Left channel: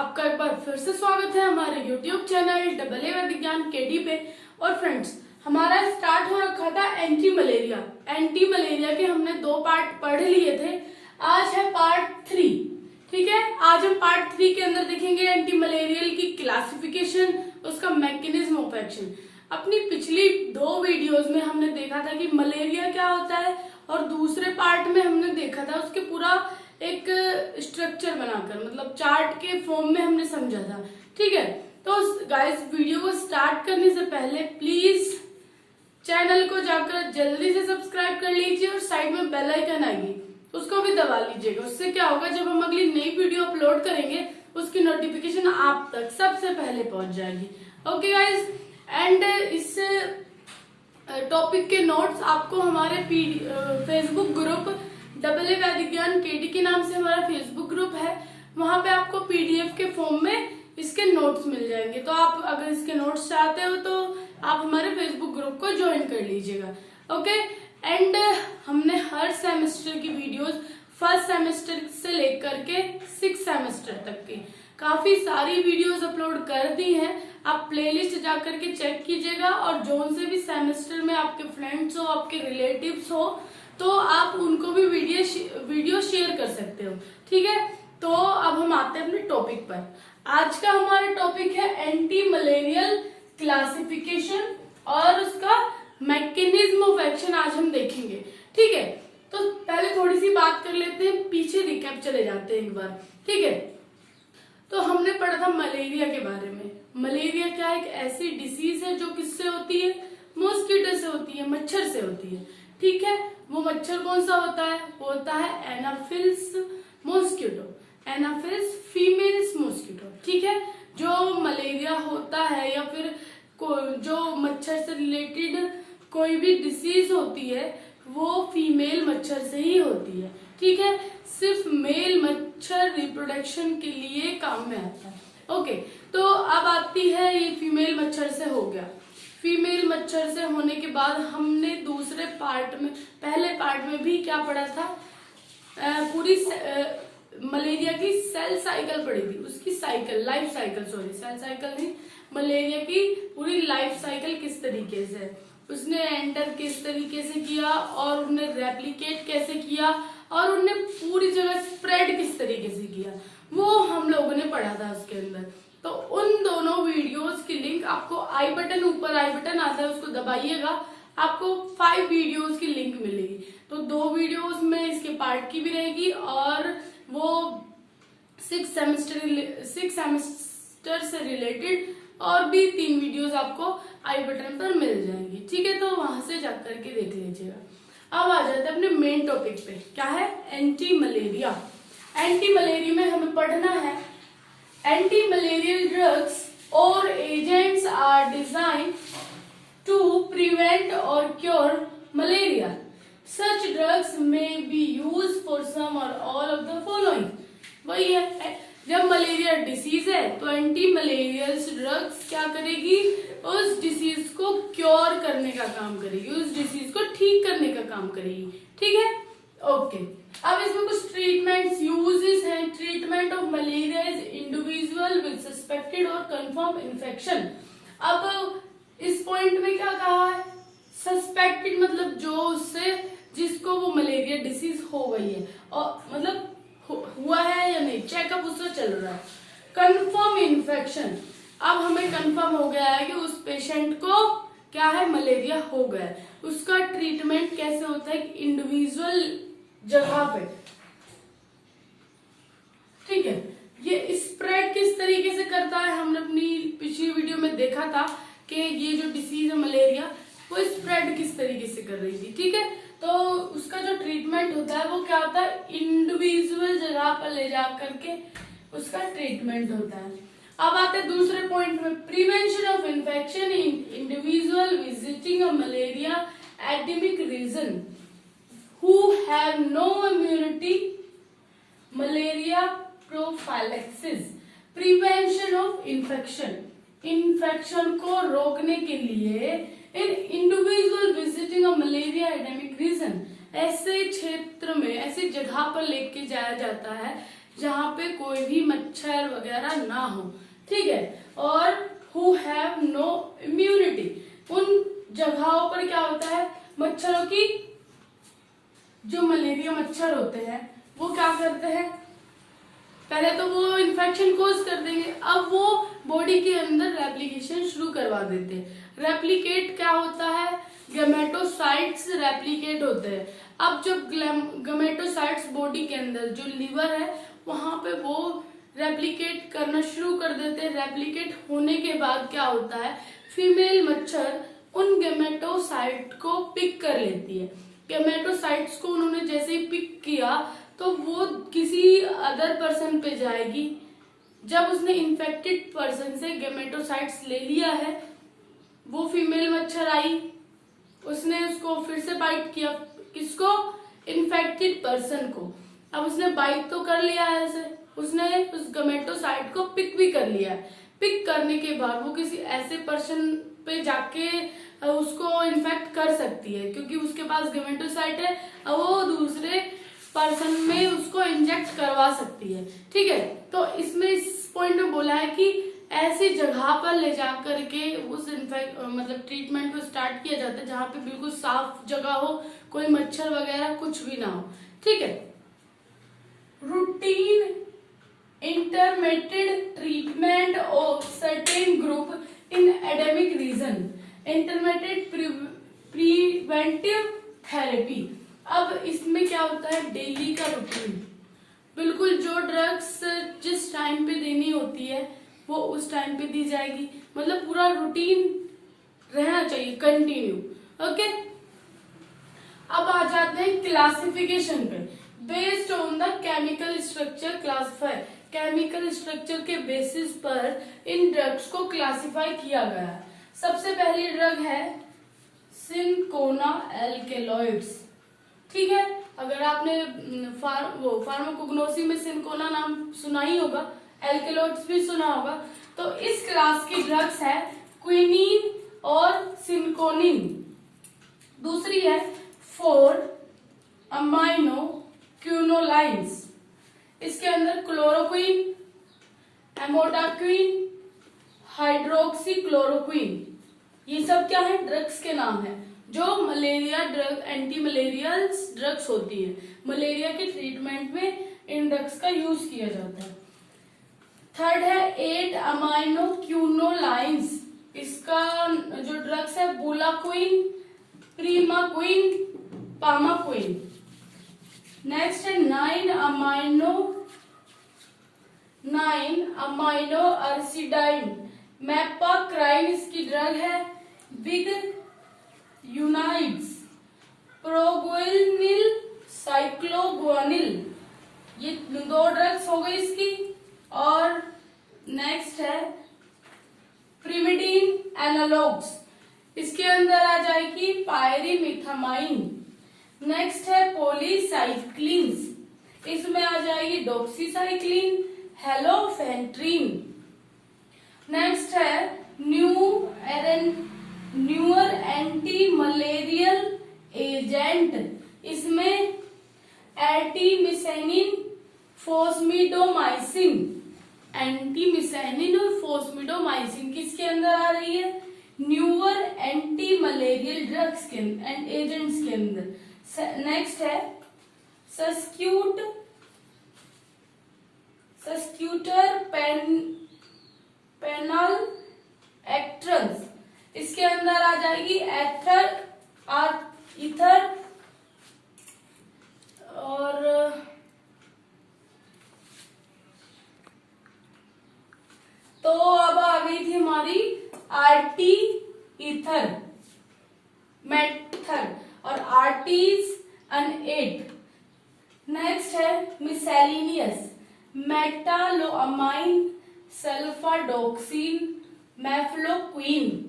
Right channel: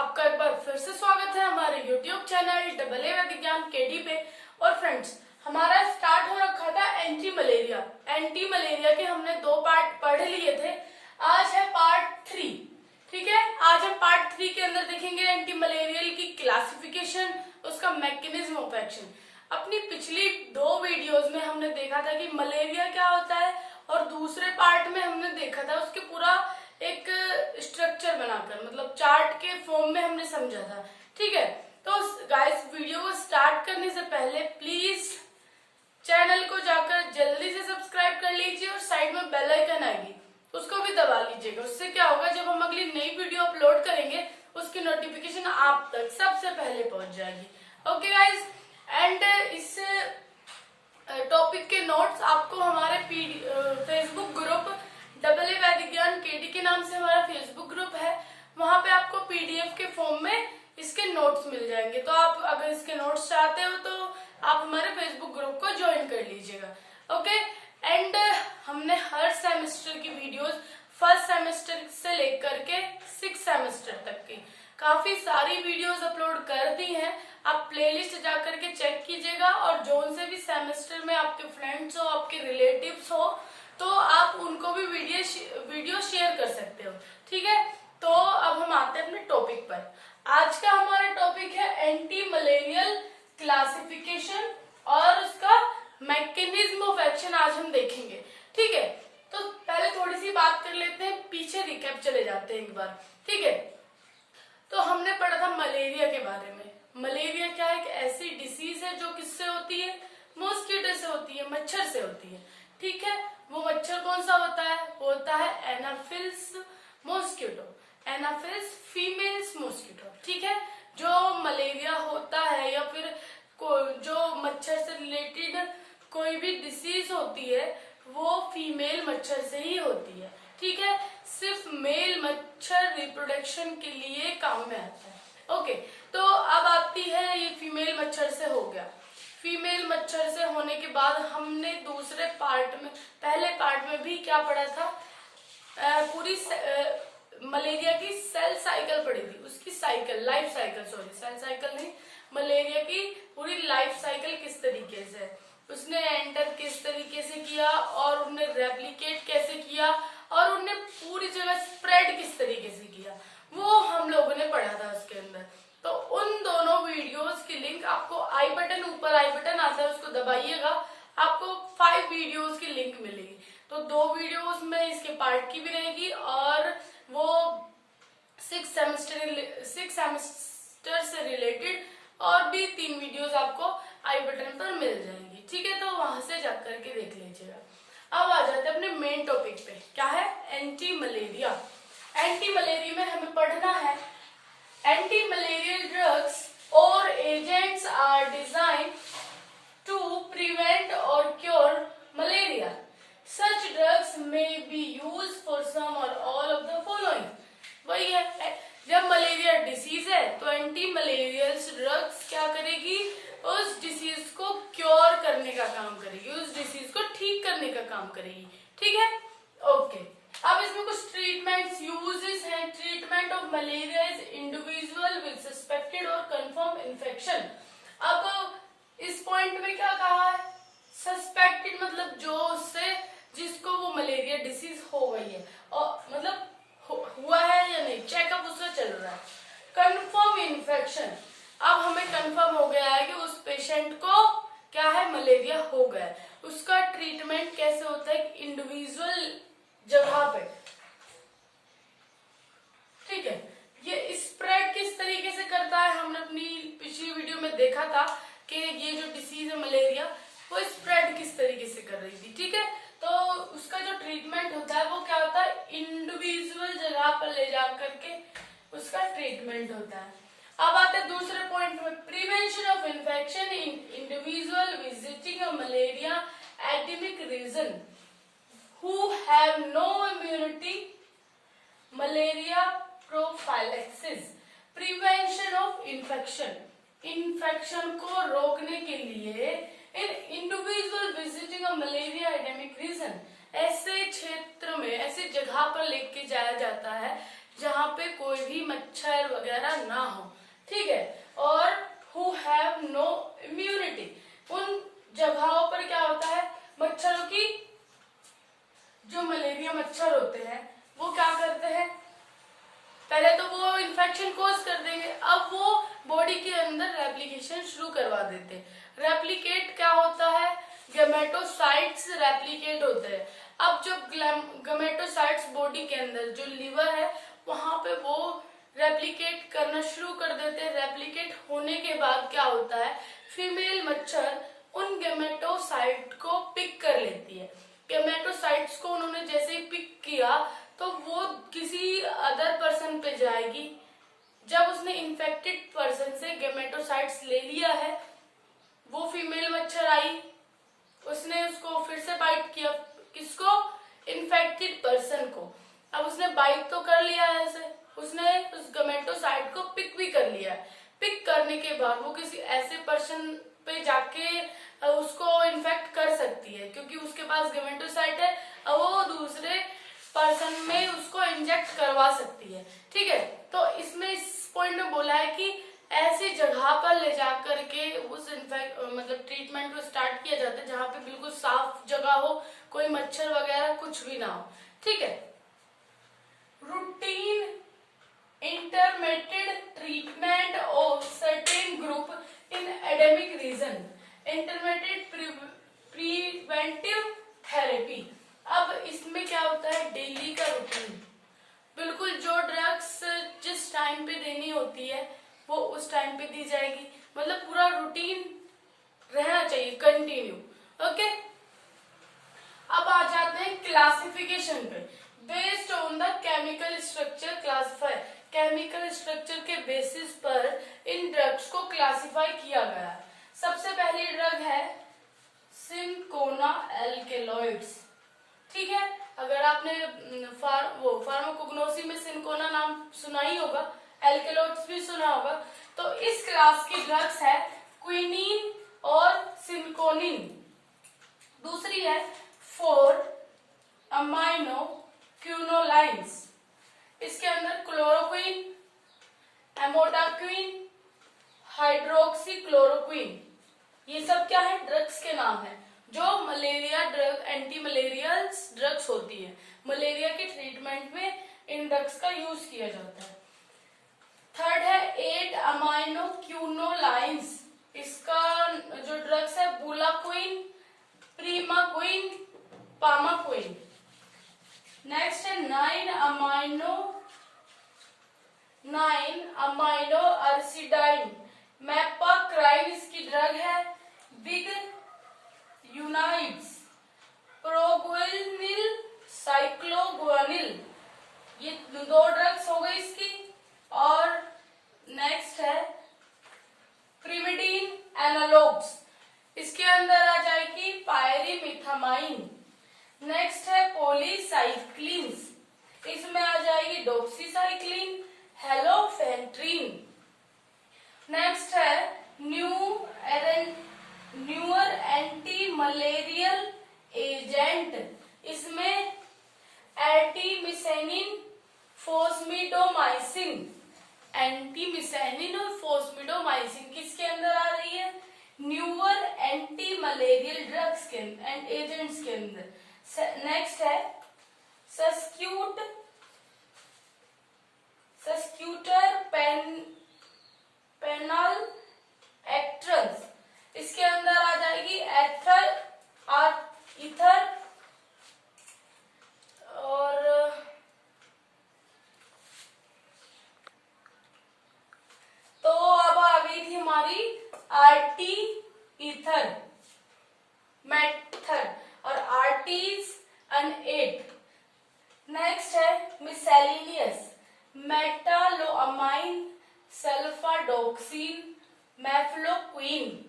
आपका एक बार फिर से स्वागत है हमारे YouTube चैनल डबल ए विज्ञान केडी पे। और फ्रेंड्स, हमारा स्टार्ट हो रखा था एंटी मलेरिया के हमने 2 पार्ट पढ़ लिए थे। आज है पार्ट 3। ठीक है, आज हम पार्ट 3 के अंदर देखेंगे एंटी मलेरियल की क्लासिफिकेशन, उसका मैकेनिज्म ऑफ एक्शन। अपनी पिछली 2 वीडियोस में हमने देखा था कि मलेरिया क्या होता है, और दूसरे पार्ट में हमने देखा था उसके पूरा एक स्ट्रक्चर बनाकर, मतलब चार्ट के फॉर्म में हमने समझा था। ठीक है, तो गाइस वीडियो को स्टार्ट करने से पहले प्लीज चैनल को जाकर जल्दी से सब्सक्राइब कर लीजिए और साइड में बेल आइकन आएगी, उसको भी दबा लीजिएगा। उससे क्या होगा, जब हम अगली नई वीडियो अपलोड करेंगे उसकी नोटिफिकेशन आप तक सबसे पहले पहुंच जाएगी। ओके गाइस, एंड इस टॉपिक के नोट्स आपको हमारे फेसबुक ग्रुप डबल ए विज्ञान केडी के नाम से हमारा फेसबुक ग्रुप है, वहां पे आपको पीडीएफ के फॉर्म में इसके नोट्स मिल जाएंगे। तो आप अगर इसके नोट्स चाहते हो तो आप हमारे फेसबुक ग्रुप को ज्वाइन कर लीजिएगा। ओके, एंड हमने हर सेमेस्टर की वीडियोस फर्स्ट सेमेस्टर से लेकर के 6th सेमेस्टर तक की काफी सारी वीडियोस अपलोड कर दी हैं। आप प्लेलिस्ट जाकर के चेक कीजिएगा, और जोन से भी सेमेस्टर में आपके फ्रेंड्स हो, आपके रिलेटिव्स हो, तो आप उनको भी वीडियो शेयर कर सकते हो। ठीक है, तो अब हम आते हैं अपने टॉपिक पर। आज का हमारा टॉपिक है एंटी मलेरियल क्लासिफिकेशन और उसका मैकेनिज्म ऑफ एक्शन आज हम देखेंगे। ठीक है, तो पहले थोड़ी सी बात कर लेते हैं, पीछे रिकैप चले जाते हैं एक बार। ठीक है, तो हमने पढ़ा था मलेरिया के बारे में। मलेरिया क्या एक ऐसी डिसीज है जो किससे होती है? मॉस्किटो से होती है, मच्छर से होती है। ठीक है, वो मच्छर कौन सा होता है? वो होता है एनाफिल्स मॉस्किटो, एनाफिल्स फीमेल्स मॉस्किटो। ठीक है, जो मलेरिया होता है या फिर जो मच्छर से रिलेटेड कोई भी डिसीज होती है वो फीमेल मच्छर से ही होती है। ठीक है, सिर्फ मेल मच्छर रिप्रोडक्शन के लिए काम में आता है। ओके, तो अब आती है ये फीमेल मच्छर से हो गया। फीमेल मच्छर से होने के बाद हमने दूसरे पार्ट में, पहले पार्ट में भी क्या पढ़ा था? पूरी मलेरिया की सेल साइकिल पढ़ी थी, उसकी cycle, life cycle, sorry cell cycle नहीं, मलेरिया की पूरी लाइफ साइकिल किस तरीके से उसने एंटर किस तरीके से किया, और उन्हें रेप्लिकेट कैसे किया, और उन्हें पूरी जगह स्प्रेड किस तरीके से किया, वो हम लोगों ने पढ़ा था उसके अंदर। तो उन दोनों वीडियोस की लिंक आपको आई बटन, ऊपर आई बटन आता है, उसको दबाइएगा, आपको 5 वीडियोस की लिंक मिलेगी। तो 2 वीडियोस में इसके पार्ट की भी रहेगी, और वो 6 सेमेस्टर से रिलेटेड और भी 3 वीडियोस आपको आई बटन पर मिल जाएंगी। ठीक है, तो वहां से जाकर के देख लीजिएगा। अब आ जाते हैं अपने मेन टॉपिक पे, क्या है? Anti malaria. एंटी मलेरिया में हमें पढ़ना है एंटी मलेरियल ड्रग्स और agents are design to prevent और cure malaria. Such drugs may be use for some और ऑल ऑफ द फॉलोइंग। वही है, जब मलेरिया डिसीज है तो एंटी मलेरियल ड्रग्स क्या करेगी? उस डिसीज को क्योर करने का काम करेगी, उस डिसीज को ठीक करने का काम करेगी। ठीक है, ओके। अब इसमें कुछ ट्रीटमेंट्स यूजेस हैं। Treatment of malaria is individual with suspected और कंफर्म इन्फेक्शन। अब इस पॉइंट में क्या कहा है? सस्पेक्टेड मतलब जो उससे, जिसको वो मलेरिया डिसीज हो गई है, और मतलब हुआ है या नहीं, चेकअप उससे चल रहा है। कंफर्म इन्फेक्शन, अब हमें कंफर्म हो गया है कि उस पेशेंट को क्या है? मलेरिया हो गया है। उसका ट्रीटमेंट कैसे होता है? इंडिविजुअल जगह पे। ठीक है, ये स्प्रेड किस तरीके से करता है? हमने अपनी पिछली वीडियो में देखा था कि ये जो डिसीज है मलेरिया, वो स्प्रेड किस तरीके से कर रही थी। ठीक है, तो उसका जो ट्रीटमेंट होता है वो क्या होता है? इंडिविजुअल जगह पर ले जा करके उसका ट्रीटमेंट होता है। अब आते हैं दूसरे पॉइंट में, prevention of infection in individual visiting a malaria endemic region who have no immunity, malaria prophylaxis. Prevention of infection, infection को रोकने के लिए in individual visiting a malaria endemic region, ऐसे क्षेत्र में, ऐसी जगह पर लेके जाया जाता है जहाँ पे कोई भी मच्छर वगैरह ना हो, ठीक है। और हु हैव नो इम्यूनिटी, उन जगहों पर क्या होता है, मच्छरों की, जो मलेरिया मच्छर होते हैं वो क्या करते हैं, पहले तो वो इन्फेक्शन कोज कर देंगे, अब वो बॉडी के अंदर रेप्लिकेशन शुरू करवा देते हैं। रेप्लिकेट क्या होता है, गैमेटोसाइट्स रेप्लिकेट होते हैं। अब जब गैमेटोसाइट्स बॉडी के अंदर जो लीवर है वहां पे वो रेप्लिकेट करना शुरू कर देते हैं। रेप्लिकेट होने के बाद क्या होता है, फीमेल मच्छर उन गैमेटोसाइट को पिक कर लेती है। गैमेटोसाइट्स को उन्होंने जैसे ही पिक किया तो वो किसी अदर पर्सन पे जाएगी। जब उसने इन्फेक्टेड पर्सन से गैमेटोसाइट्स ले लिया है, वो फीमेल मच्छर आई, उसने उसको फिर से बाइट किया, किसको, इन्फेक्टेड पर्सन को। अब उसने बाइट तो कर लिया है ऐसे, उसने उस गैमेटोसाइट को पिक भी कर लिया है। पिक करने के बाद वो किसी ऐसे पर्सन पे जाके उसको इन्फेक्ट कर सकती है, क्योंकि उसके पास गैमेटोसाइट है, अब वो दूसरे पर्सन में उसको इंजेक्ट करवा सकती है, ठीक है। तो इसमें इस पॉइंट में बोला है कि ऐसी जगह पर ले जाकर के उस मतलब ट्रीटमेंट को स्टार्ट किया जाता है जहां पे बिल्कुल साफ जगह हो, कोई मच्छर वगैरह कुछ भी ना हो, ठीक है। Routine intermittent treatment of certain group in endemic region, intermittent preventive therapy. अब इसमें क्या होता है, डेली का रूटीन, बिल्कुल जो ड्रग्स जिस टाइम पे देनी होती है वो उस टाइम पे दी जाएगी, मतलब पूरा रूटीन रहना चाहिए कंटिन्यू, ओके। अब आ जाते हैं क्लासिफिकेशन पे। Based on the chemical structure classify, chemical structure के बेसिस पर इन ड्रग्स को क्लासिफाई किया गया है। सबसे पहली ड्रग है सिनकोना एल्केलॉइड्स, ठीक है। अगर आपने फार्माकोग्नोसी में सिनकोना नाम सुना ही होगा, एल्केलॉइड्स भी सुना होगा। तो इस क्लास की ड्रग्स है क्विनीन और सिनकोनिन। दूसरी है 4 अमाइनो क्यूनोलाइंस, इसके अंदर क्लोरोक्विन, एमोडाक्विन, हाइड्रोक्सी क्लोरोक्विन, ये सब क्या है, ड्रग्स के नाम है जो malaria drug, anti malarial drugs होती है। मलेरिया के ट्रीटमेंट में इन ड्रग्स का यूज किया जाता है। थर्ड है 8 अमाइनो क्यूनोलाइंस, इसका जो ड्रग्स है बुलाक्विन, प्रीमाक्विन, पामाक्विन। नेक्स्ट है 9 अमाइनो अर्सिडाइन, मैपाक्राइन इसकी ड्रग है, विद यूनाइड्स प्रोग्विनिल, साइक्लोग्वानिल, ये दो ड्रग्स हो गई इसकी। और नेक्स्ट है प्रिमिडीन एनालॉग्स, इसके अंदर आ जाएगी पायरीमिथामाइन। नेक्स्ट है पॉलीसाइक्लिन्स, इसमें आ जाएगी डॉक्सीसाइक्लिन, हेलोफेंट्रीन। नेक्स्ट है न्यूअर एंटी मलेरियल एजेंट, इसमें एर्टीमिसेनिन, फोस्मिडोमाइसिन, एंटीमिसेनिन और फोस्मिडोमाइसिन किसके अंदर आ रही है, न्यूअर एंटी मलेरियल ड्रग्स के एंड एजेंट्स के अंदर। नेक्स्ट है सस्क्यूटर पेनल एक्ट्रंस, इसके अंदर आ जाएगी ईथर और तो अब आ गई थी हमारी आरटी ईथर मेथर और आरटीज अन8। नेक्स्ट है मिसेलिनियस, मेटालोअमाइन, सल्फाडोक्सिन, मैफ्लोक्विन।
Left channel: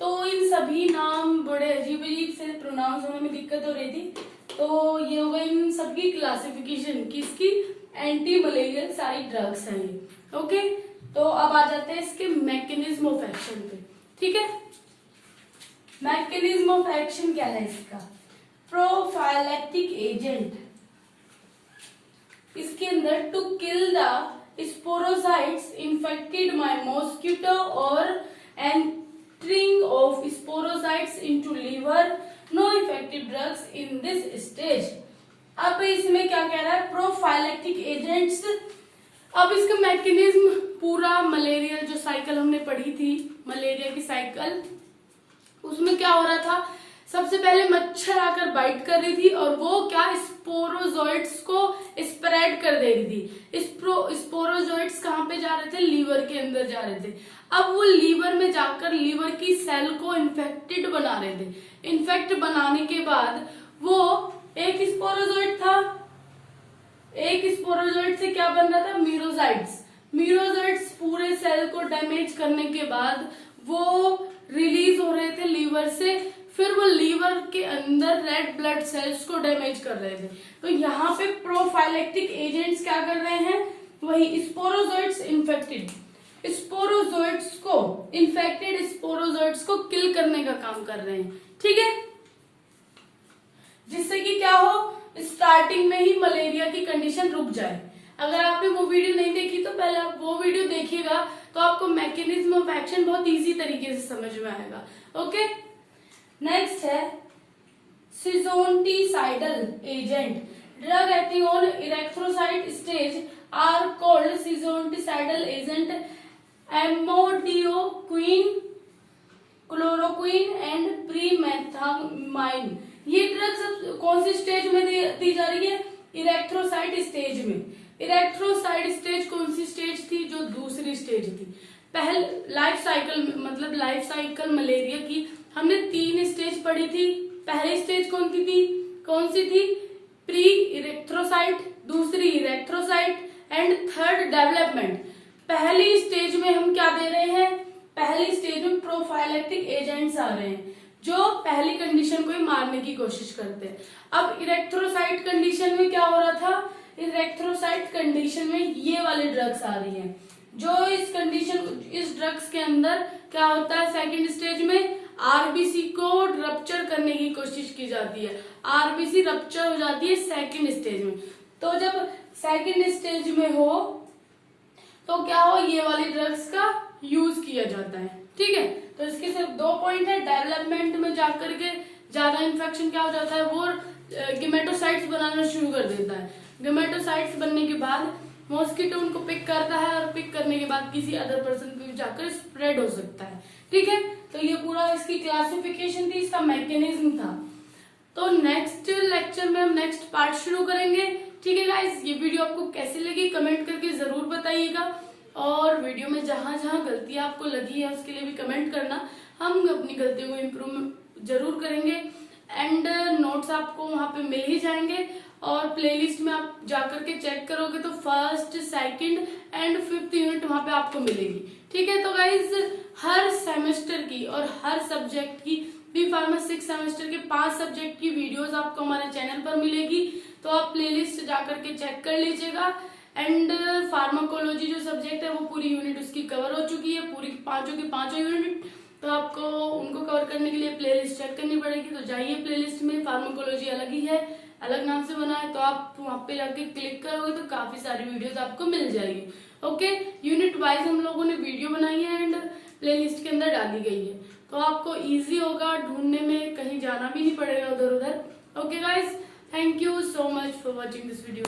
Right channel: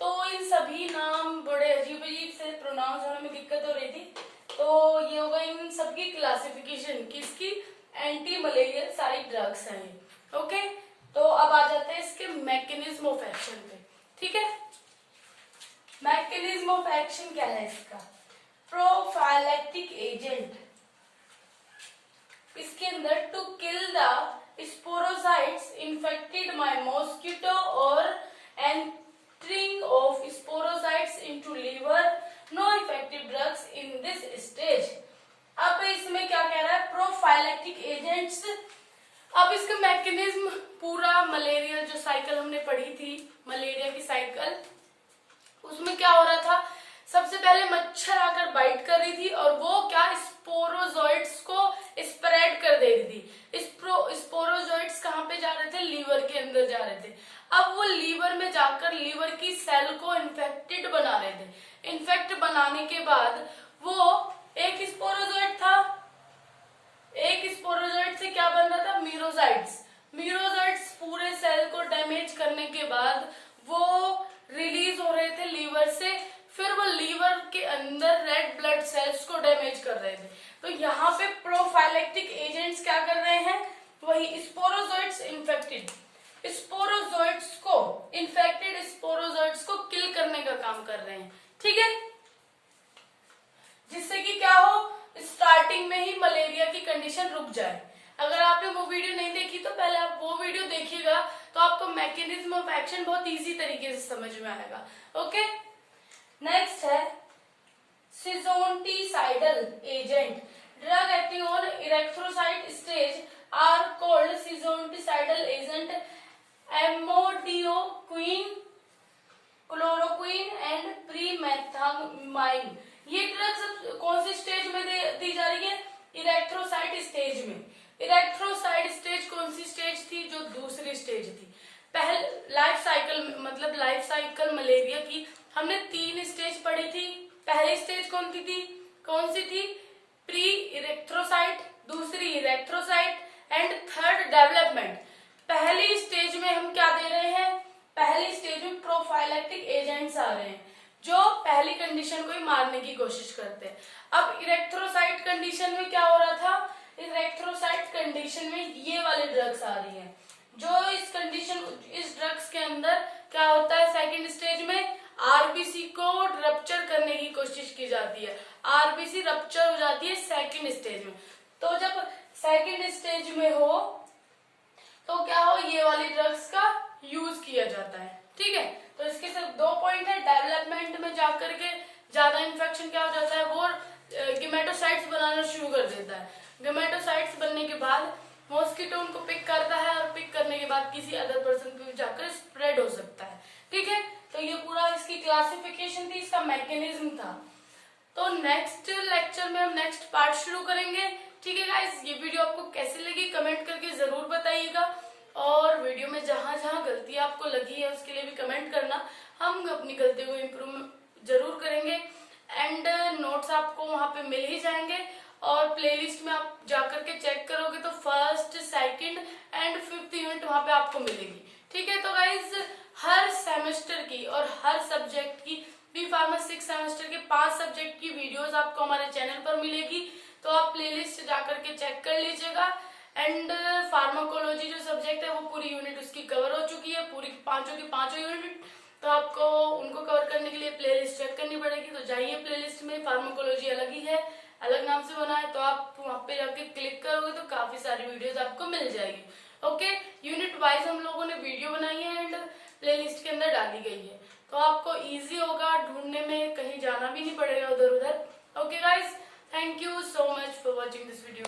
तो इन सभी नाम बड़े अजीब अजीब से प्रोनाउंस होने में दिक्कत हो रही थी, तो ये होगा इन सबकी क्लासिफिकेशन किसकी, एंटी मलेरियल सारी ड्रग्स हैं ये, ओके। तो अब आ जाते हैं इसके मैकेनिज्म ऑफ एक्शन पे, ठीक है। मैकेनिज्म ऑफ एक्शन क्या है इसका, प्रोफाइलैक्टिक एजेंट, इसके अंदर to kill the sporozoites infected by mosquito और entering of sporozoites into liver, no effective drugs in this stage. अब इसमें क्या कह रहा है, प्रोफाइलेक्टिक एजेंट्स। अब इसका मैकेनिज्म पूरा मलेरिया जो साइकिल हमने पढ़ी थी, मलेरिया की साइकिल, उसमें क्या हो रहा था, सबसे पहले मच्छर आकर बाइट कर रही थी और वो क्या स्पोरोजोइट्स को स्प्रेड कर दे रही थी। स्पोरोजोइट्स कहाँ पे जा रहे थे, लीवर के अंदर जा रहे थे। अब वो लीवर में जाकर लीवर की सेल को इन्फेक्टेड बना रहे थे। इन्फेक्ट बनाने के बाद वो एक स्पोरोजोइट था, एक स्पोरोजोइट से क्या बन रहा था, मीरोजाइट्स। मीरोजाइट्स पूरे सेल को डैमेज करने के बाद वो रिलीज हो रहे थे लीवर से, फिर वो लीवर के अंदर रेड ब्लड सेल्स को डैमेज कर रहे थे। तो यहाँ पे प्रोफाइलेक्टिक एजेंट्स क्या कर रहे हैं, वही स्पोरोजोइट्स इन्फेक्टेड स्पोरोजोइट्स को इन्फेक्टेड स्पोरोजोइट्स को किल करने का काम कर रहे हैं। ठीक है, जिससे कि क्या हो, स्टार्टिंग में ही मलेरिया की कंडीशन रुक जाए। अगर आपने वो वीडियो नहीं देखी तो पहले आप वो वीडियो देखिएगा, तो आपको मैकेनिज्म ऑफ एक्शन बहुत इजी तरीके से समझ में आएगा। ओके, नेक्स्ट है schizonticidal agent. Drug acting on erythrocyte stage are called schizonticidal agent. Amodiaquine, chloroquine and pyrimethamine. ये ड्रग सब कौन सी स्टेज में दी जा रही है, इरेक्थ्रोसाइट स्टेज में। इरेक्थ्रोसाइट स्टेज कौन सी स्टेज थी, जो दूसरी स्टेज थी। पहले लाइफ साइकिल मतलब लाइफ साइकिल मलेरिया की हमने 3 स्टेज पढ़ी थी। पहली स्टेज कौन सी थी, प्री इरेक्थ्रोसाइट, दूसरी इरेक्थ्रोसाइट एंड थर्ड डेवलपमेंट। पहली स्टेज में हम क्या दे रहे हैं, पहली स्टेज में प्रोफाइलेक्टिक एजेंट्स आ रहे हैं जो पहली कंडीशन को ही मारने की कोशिश करते हैं। अब इरेक्थ्रोसाइट कंडीशन में क्या हो रहा था, इरेक्थ्रोसाइट कंडीशन में ये वाले ड्रग्स आ रही हैं, जो इस ड्रग्स के अंदर क्या होता है, सेकंड स्टेज में आरबीसी को रप्चर करने की कोशिश की जाती है। आरबीसी रप्चर हो जाती है सेकंड स्टेज में। तो जब सेकंड स्टेज में हो तो क्या हो, ये वाली ड्रग्स का यूज किया जाता है। ठीक है, तो इसके सिर्फ 2 पॉइंट है। डेवलपमेंट में जाकर के ज्यादा इन्फेक्शन क्या हो जाता है, वो गेमेटोसाइट्स बनाना शुरू कर देता है। गेमेटोसाइट्स बनने के बाद मॉस्किटो उनको पिक करता है और पिक करने के बाद किसी अदर पर्सन पे जाकर स्प्रेड हो सकता है। ठीक है, तो ये पूरा इसकी क्लासिफिकेशन थी, इसका मैकेनिज्म था। तो नेक्स्ट लेक्चर में हम नेक्स्ट पार्ट शुरू करेंगे। ठीक है गाइस, ये वीडियो आपको कैसी लगी कमेंट करके जरूर बताइएगा, और वीडियो में जहां जहां गलती आपको लगी है उसके लिए भी कमेंट करना। हम अपनी गलतियों को इम्प्रूव जरूर करेंगे। एंड नोट्स आपको वहां पे मिल ही जाएंगे, और प्लेलिस्ट में आप जाकर के चेक करोगे तो first, second and 5th unit वहां पे आपको मिलेगी। ठीक है, तो गाइज हर सेमेस्टर की और हर सब्जेक्ट की B.Pharma 6 सेमेस्टर के 5 सब्जेक्ट की वीडियोस आपको हमारे चैनल पर मिलेगी, तो आप प्लेलिस्ट जाकर के चेक कर लीजिएगा। एंड फार्माकोलॉजी जो सब्जेक्ट है वो पूरी यूनिट उसकी कवर हो चुकी है, पूरी पांचों की पांचों यूनिट। तो आपको उनको कवर करने के लिए प्लेलिस्ट चेक करनी पड़ेगी। तो जाइए प्लेलिस्ट में, फार्माकोलॉजी अलग ही है, अलग नाम से बना है, तो आप वहां पे जाके क्लिक करोगे तो काफी सारी वीडियोस आपको मिल जाएगी। ओके, यूनिट वाइज हम लोगों ने वीडियो बनाई है एंड प्लेलिस्ट के अंदर डाली गई है, तो आपको इजी होगा ढूंढने में, कहीं जाना भी नहीं पड़ेगा उधर उधर। Okay guys, thank you so much for watching this video.